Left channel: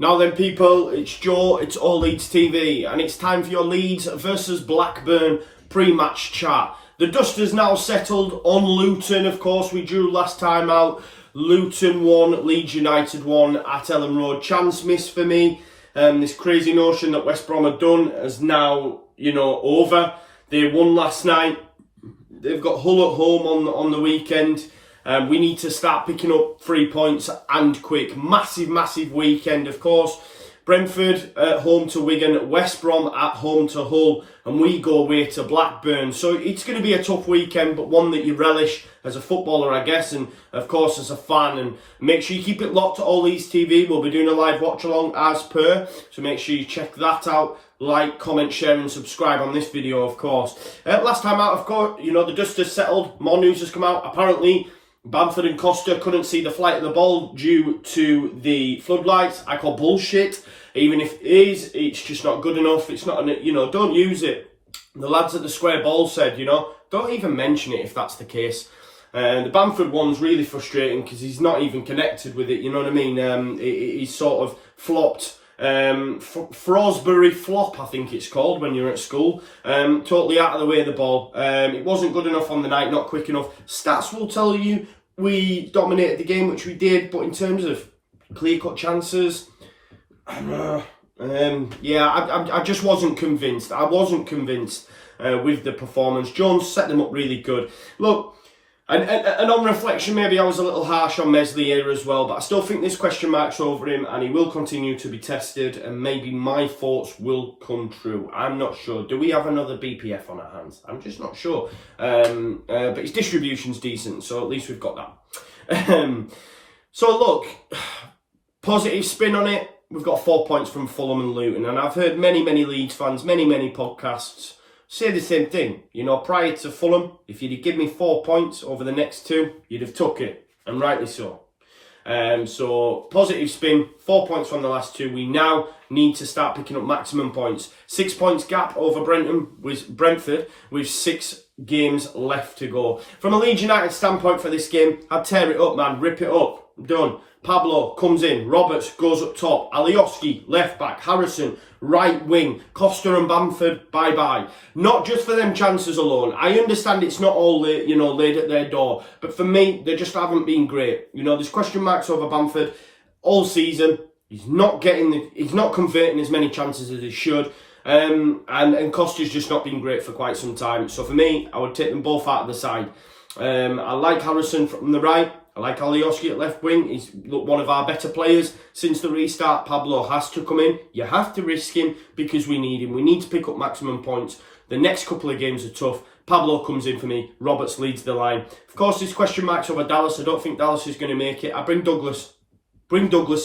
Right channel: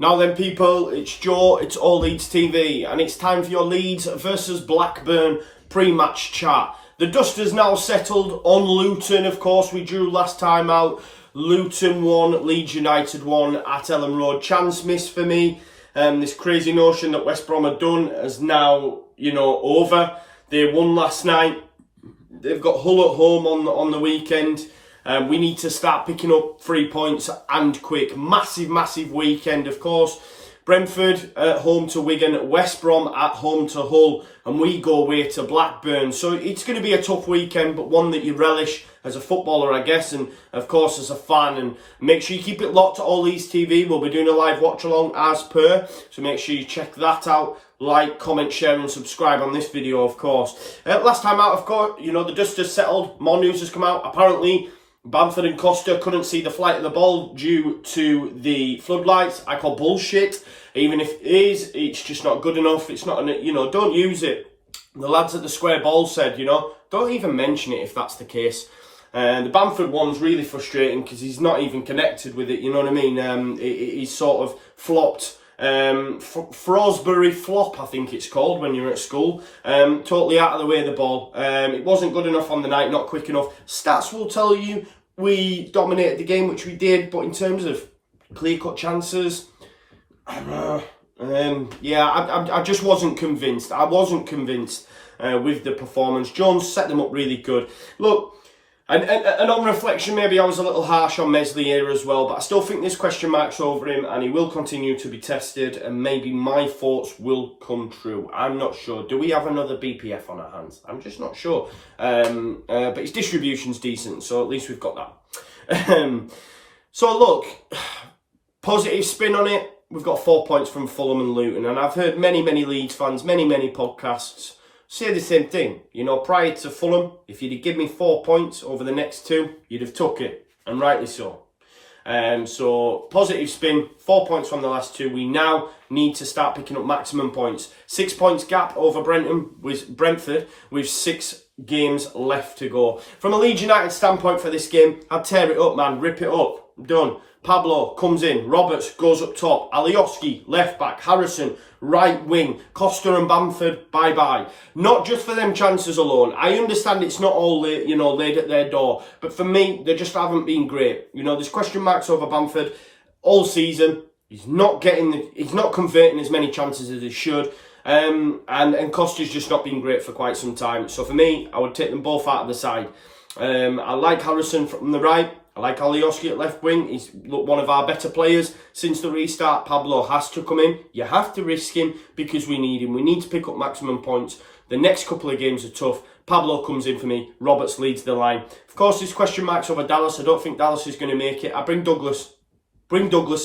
Now then, people, it's Joe, it's all Leeds TV, and it's time for your Leeds versus Blackburn pre-match chat. The dust has now settled on Luton, of course. We drew last time out. Luton won, Leeds United won at Elland Road. Chance missed for me. This crazy notion that West Brom had done is now, over. They won last night. They've got Hull at home on the weekend. We need to start picking up 3 points and quick. Massive weekend, of course. Brentford at home to Wigan, West Brom at home to Hull, and we go away to Blackburn. So it's going to be a tough weekend, but one that you relish as a footballer, I guess, and of course as a fan. And make sure you keep it locked to All Leeds TV. We'll be doing a live watch along as per, so make sure you check that out. Like, comment, share and subscribe on this video, of course. Last time out, of course, the dust has settled. More news has come out. Apparently, Bamford and Costa couldn't see the flight of the ball due to the floodlights. I call bullshit. Even if it is, it's just not good enough. It's not, don't use it. The lads at the Square Ball said, don't even mention it if that's the case. The Bamford one's really frustrating because he's not even connected with it, you know what I mean? He's sort of flopped. Frosbury flop, I think it's called when you're at school. Totally out of the way of the ball. It wasn't good enough on the night, not quick enough. Stats will tell you we dominated the game, which we did, but in terms of clear-cut chances, I just wasn't convinced. I wasn't convinced with the performance. Jones set them up really good. Look, and on reflection, maybe I was a little harsh on Mesley here as well, but I still think there's question marks over him and he will continue to be tested and maybe my thoughts will come true. I'm not sure. Do we have another BPF on our hands? I'm just not sure. But his distribution's decent, so at least we've got that. So look, positive spin on it. We've got 4 points from Fulham and Luton, and I've heard many Leeds fans, many podcasts say the same thing. Prior to Fulham, if you'd have given me 4 points over the next two, you'd have took it, and rightly so. So, positive spin, 4 points from the last two. We now need to start picking up maximum points. 6 points gap over Brentford with 6 games left to go. From a Leeds United standpoint for this game, I'd tear it up, man, rip it up, done. Pablo comes in, Roberts goes up top, Alioski, left back, Harrison, right wing, Costa and Bamford, bye-bye. Not just for them chances alone. I understand it's not all, laid at their door, but for me, they just haven't been great. There's question marks over Bamford all season. He's not converting as many chances as he should. And Costa's just not been great for quite some time. So for me, I would take them both out of the side. I like Harrison from the right. I like Alioski at left wing. He's one of our better players since the restart. Pablo has to come in. You have to risk him because we need him. We need to pick up maximum points. The next couple of games are tough. Pablo comes in for me. Roberts leads the line. Of course, there's question marks over Dallas. I don't think Dallas is going to make it. I bring Douglas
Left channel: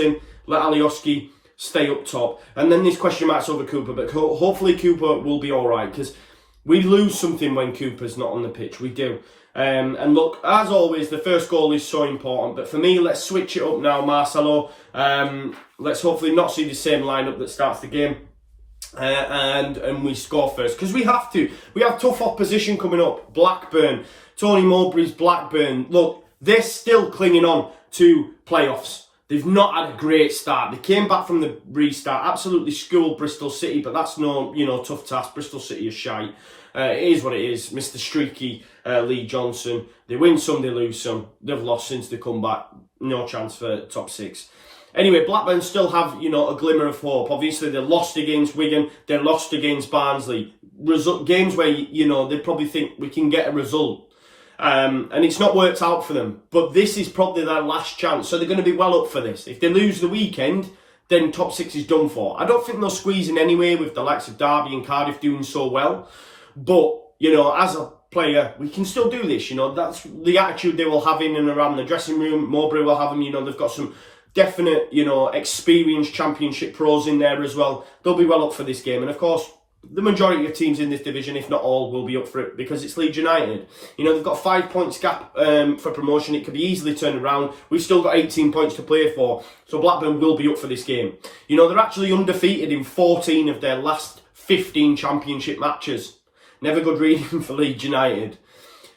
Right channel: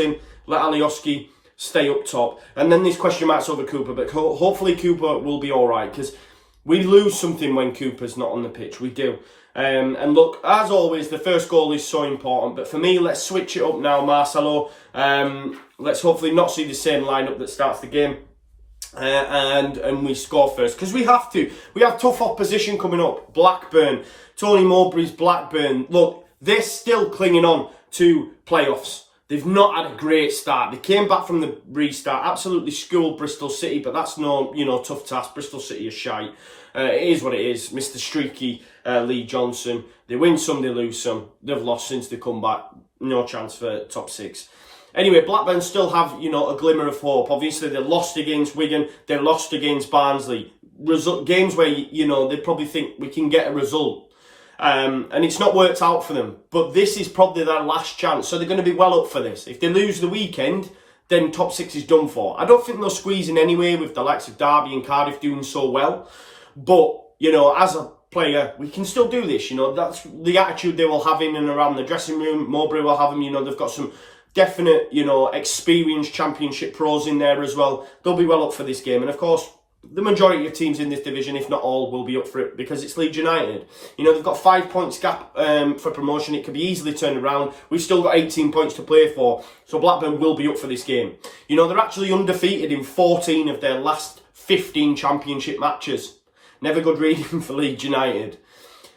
in. Let Alioski stay up top. And then there's question marks over Cooper. But hopefully Cooper will be all right because we lose something when Cooper's not on the pitch. We do. And look, as always, the first goal is so important. But for me, let's switch it up now, Marcelo. Let's hopefully not see the same lineup that starts the game. And we score first. Because we have to. We have tough opposition coming up. Blackburn. Tony Mowbray's Blackburn. Look, they're still clinging on to playoffs. They've not had a great start. They came back from the restart, absolutely schooled Bristol City, but that's no, tough task. Bristol City is shite. It is what it is. Mr. Streaky Lee Johnson. They win some, they lose some. They've lost since they come back. No chance for top 6. Anyway, Blackburn still have, a glimmer of hope. Obviously, they lost against Wigan. They lost against Barnsley. Games where, they probably think we can get a result. And it's not worked out for them. But this is probably their last chance. So they're going to be well up for this. If they lose the weekend, then top 6 is done for. I don't think they'll squeeze in anyway with the likes of Derby and Cardiff doing so well. But, as a player, we can still do this. That's the attitude they will have in and around the dressing room. Mowbray will have them. They've got some definite, experienced championship pros in there as well. They'll be well up for this game. And of course, the majority of teams in this division, if not all, will be up for it because it's Leeds United. They've got 5 points gap for promotion. It could be easily turned around. We've still got 18 points to play for. So Blackburn will be up for this game. They're actually undefeated in 14 of their last 15 championship matches. Never good reading for Leeds United.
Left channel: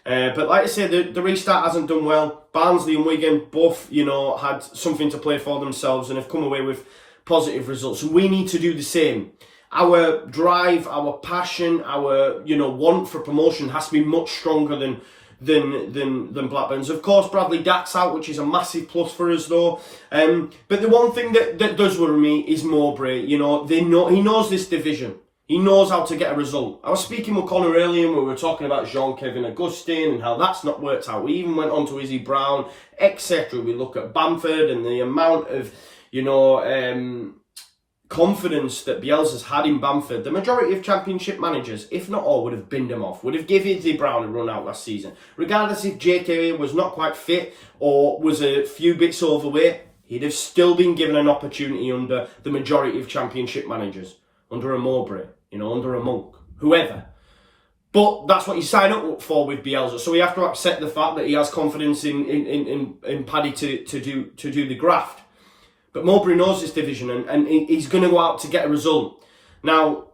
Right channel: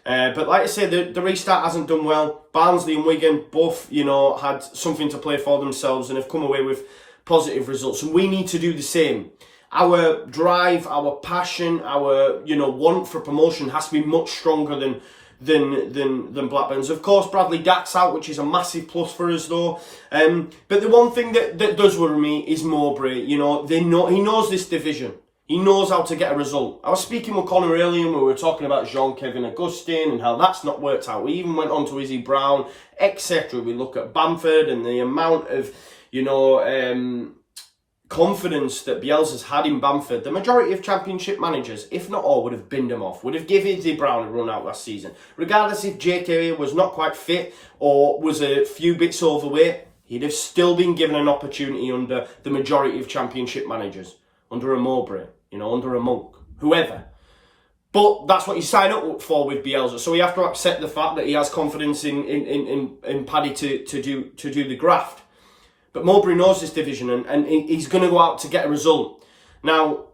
But like I said, the restart hasn't done well. Barnsley and Wigan both, had something to play for themselves and have come away with positive results, and we need to do the same. Our drive, our passion, our want for promotion has to be much stronger than Blackburn's. Of course, Bradley Dack's out, which is a massive plus for us, though. But the one thing that does worry me is Mowbray. He knows this division. He knows how to get a result. I was speaking with Conor earlier, and we were talking about Jean-Kevin Augustin and how that's not worked out. We even went on to Izzy Brown, etc. We look at Bamford and the amount of, confidence that Bielsa's had in Bamford. The majority of Championship managers, if not all, would have binned him off, would have given Izzy Brown a run out last season. Regardless if JK was not quite fit or was a few bits overweight, he'd have still been given an opportunity under the majority of Championship managers. Under a Mowbray, under a Monk, whoever. But that's what you sign up for with Bielsa. So we have to accept the fact that he has confidence in Paddy to do the graft. But Mowbray knows this division, and he's going to go out to get a result. Now,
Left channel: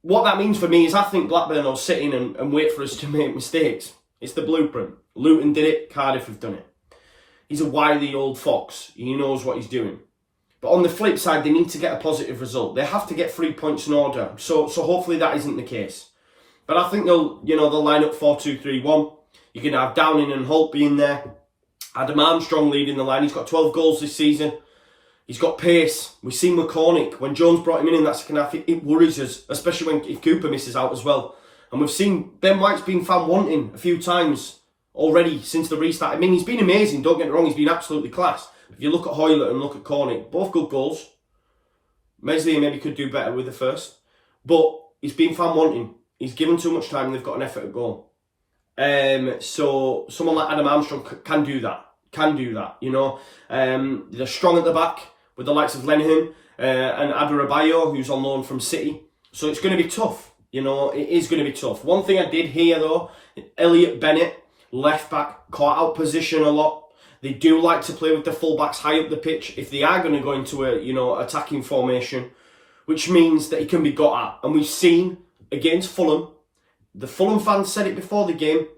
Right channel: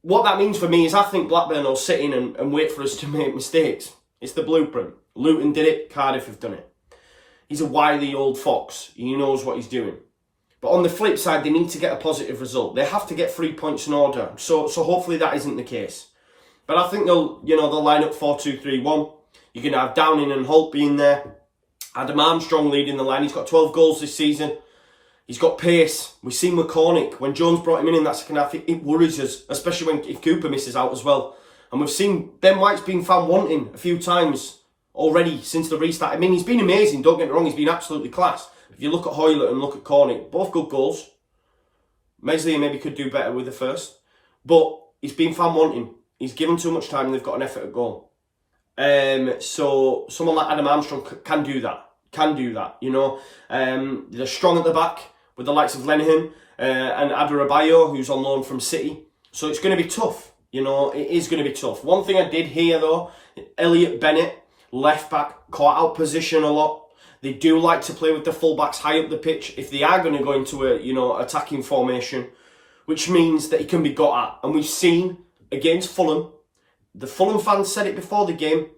what that means for me is I think Blackburn will sit in and wait for us to make mistakes. It's the blueprint. Luton did it, Cardiff have done it. He's a wily old fox. He knows what he's doing. But on the flip side, they need to get a positive result. They have to get 3 points in order. So hopefully that isn't the case. But I think they'll line up 4-2-3-1. You're going to have Downing and Holt being there. Adam Armstrong leading the line. He's got 12 goals this season. He's got pace. We've seen with Cornick, when Jones brought him in that second half, it worries us, especially if Cooper misses out as well. And we've seen Ben White's been found wanting a few times already since the restart. I mean, he's been amazing, don't get me wrong, he's been absolutely class. If you look at Hoylett and look at Cornick, both good goals. Meslier maybe could do better with the first. But he's been found wanting. He's given too much time and they've got an effort at goal. So someone like Adam Armstrong can do that. They're strong at the back with the likes of Lenihan and Adebayo, who's on loan from City. So it's going to be tough. It is going to be tough. One thing I did hear, though, Elliot Bennett, left back, caught out position a lot. They do like to play with the fullbacks high up the pitch if they are going to go into a attacking formation, which means that he can be got at. And we've seen against Fulham, the Fulham fans said it before the game,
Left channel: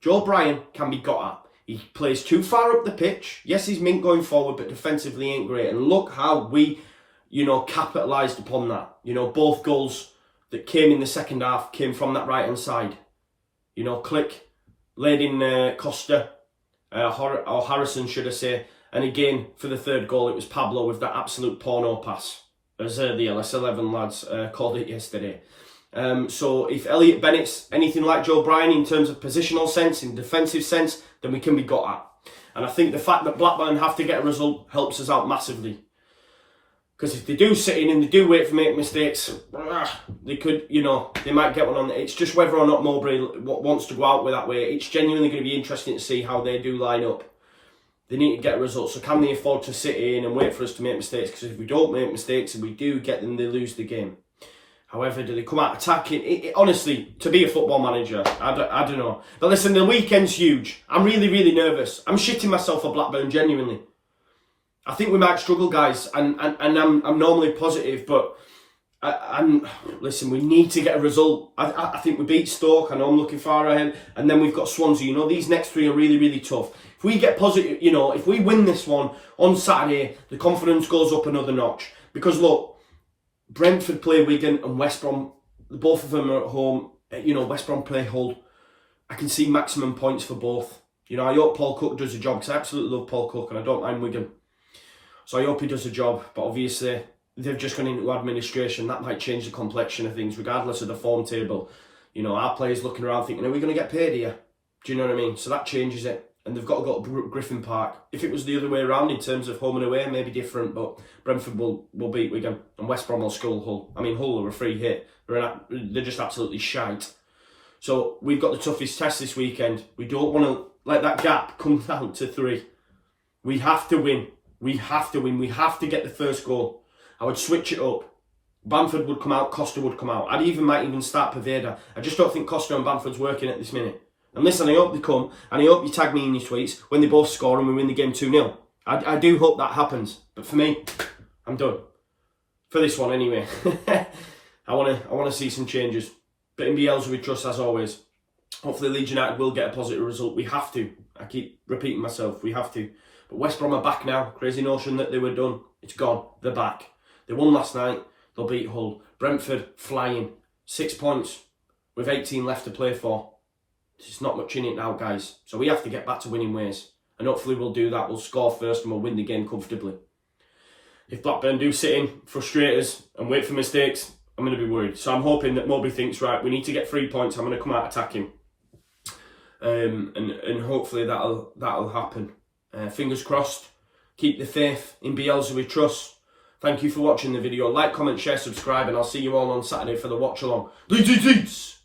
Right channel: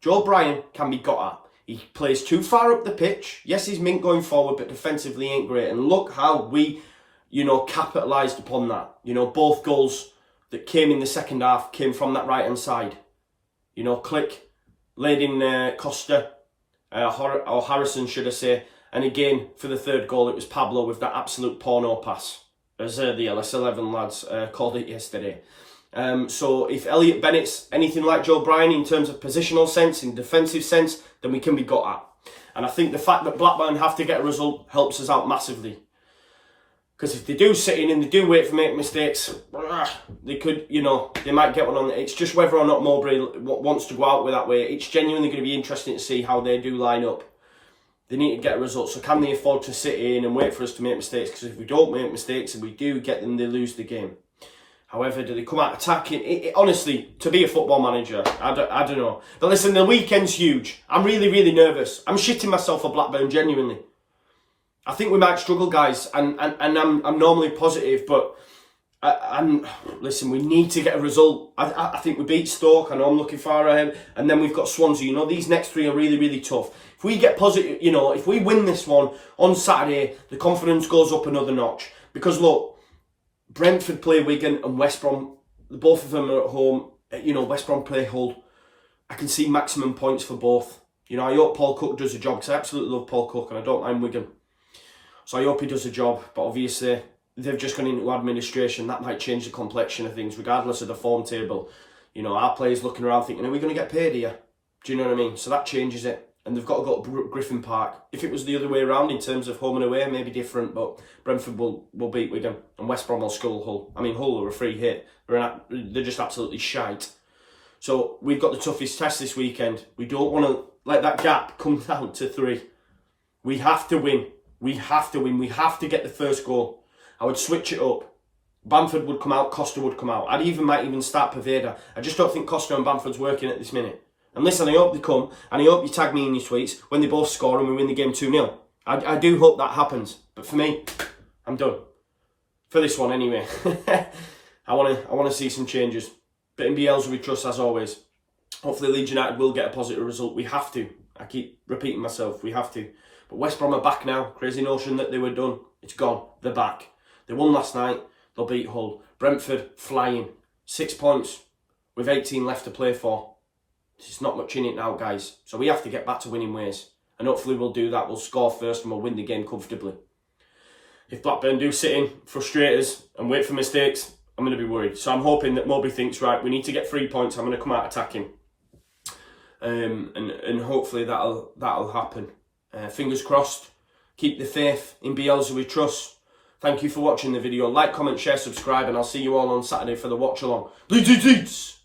Joe Bryan can be got at. He plays too far up the pitch. Yes, he's mint going forward, but defensively ain't great. And look how we, capitalised upon that. Both goals that came in the second half came from that right-hand side. Click, laid in Costa. Or Harrison, should I say. And again, for the third goal, it was Pablo with that absolute porno pass, as the LS11 lads called it yesterday. So if Elliot Bennett's anything like Joe Bryan in terms of positional sense, in defensive sense, then we can be got at. And I think the fact that Blackburn have to get a result helps us out massively. Because if they do sit in and they do wait for make mistakes, they could, they might get one on. It's just whether or not Mowbray wants to go out with that way. It's genuinely going to be interesting to see how they do line up. They need to get a result. So can they afford to sit in and wait for us to make mistakes? Because if we don't make mistakes and we do get them, they lose the game. However, do they come out attacking? Honestly, to be a football manager, I don't know. But listen, the weekend's huge. I'm really, really nervous. I'm shitting myself for Blackburn, genuinely. I think we might struggle, guys, and I'm normally positive, but listen, we need to get a result. I think we beat Stoke. I know I'm looking far ahead, and then we've got Swansea. These next 3 are really, really tough. If we get positive, if we win this one on Saturday, the confidence goes up another notch. Because look, Brentford play Wigan and West Brom. Both of them are at home. West Brom play Hull. I can see maximum points for both. I hope Paul Cook does a job, because I absolutely love Paul Cook and I don't mind Wigan. So I hope he does a job, but obviously they've just gone into administration. That might change the complexion of things, regardless of the form table. Our players looking around thinking, are we going to get paid here? Do you know what I mean? So that changes it. And they've got to go to Griffin Park. If it was the other way around in terms of home and away, maybe different, but Brentford will beat Wigan and West Brom will skull Hull. I mean, Hull are a free hit. They're just absolutely shite. So we've got the toughest test this weekend. We don't want to let that gap come down to 3. We have to win. We have to win. We have to get the first goal. I would switch it up. Bamford would come out. Costa would come out. Might even start Poveda. I just don't think Costa and Bamford's working at this minute. And listen, I hope they come. And I hope you tag me in your tweets when they both score and we win the game 2-0. I do hope that happens. But for me, I'm done. For this one anyway. I want to see some changes. But in Bielsa we trust as always. Hopefully Leeds United will get a positive result. We have to. I keep repeating myself. We have to. But West Brom are back now. Crazy notion that they were done. It's gone. They're back. They won last night. They'll beat Hull. Brentford flying. 6 points with 18 left to play for. There's not much in it now, guys. So we have to get back to winning ways. And hopefully we'll do that. We'll score first and we'll win the game comfortably. If Blackburn do sit in, frustrate us and wait for mistakes, I'm going to be worried. So I'm hoping that Moby thinks, right, we need to get 3 points. I'm going to come out attacking. And hopefully that'll happen. Fingers crossed. Keep the faith in Bielsa we trust. Thank you for watching the video. Like, comment, share, subscribe, and I'll see you all on Saturday for the watch along. Leeds!